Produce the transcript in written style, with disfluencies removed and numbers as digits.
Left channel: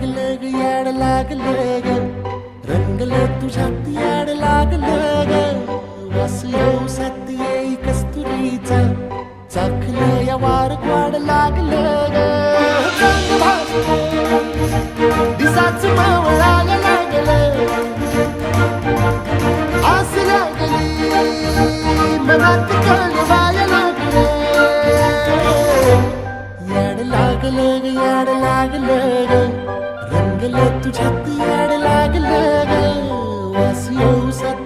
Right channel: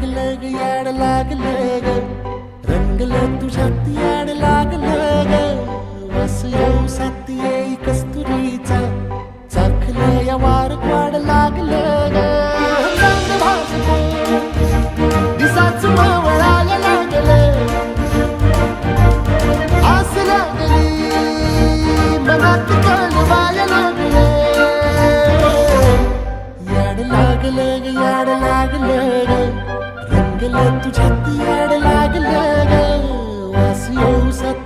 लागलं ग याड लागलं ग रंगलं तुझ्यात याड लागलं ग वास येऊ साथ येई कस्तुरीचा चाखलं या वार वाड लागलं ग चांग भासतो दिसाच मावळायला लागलं आस लागली मनात कळवायला लागलं याड लागलं ग याड लागलं ग रंगलं तुझ्यात याड लागलं ग वास येऊ साथ